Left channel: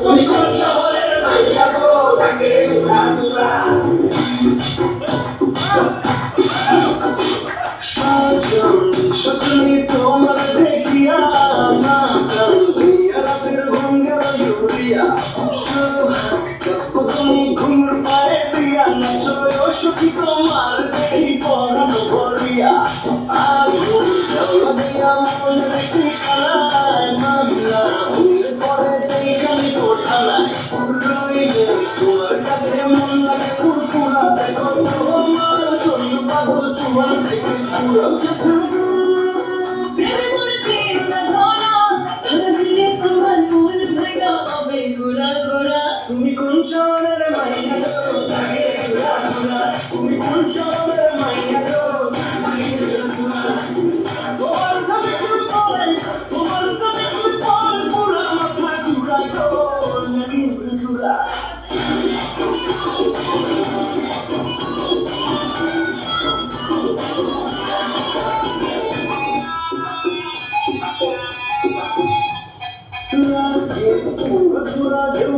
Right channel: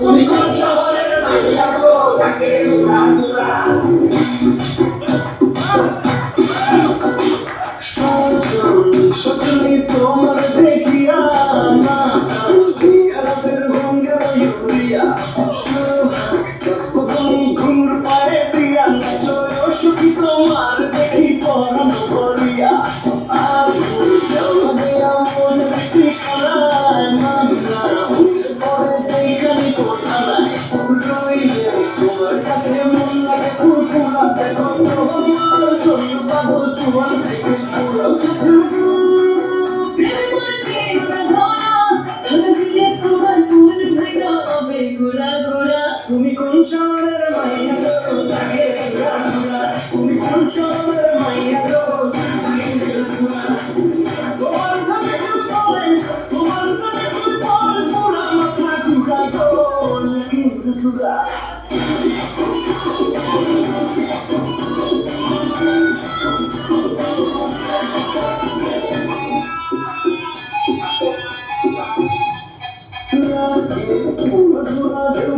তুমি কোন শহরের বাইরে আছো তাকে উড়া 컨트롤을 많이 나도 나의 생각구나 우리 컨트롤을 많이 나도 나의 생각구나 너만은 사실 불법을 너만은 사실 불법을 돌아 못할 구라고 내 기분을 두라 Thank you.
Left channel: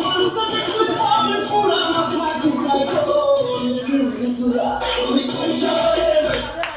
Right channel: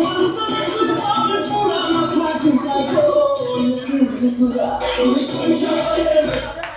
Thank you.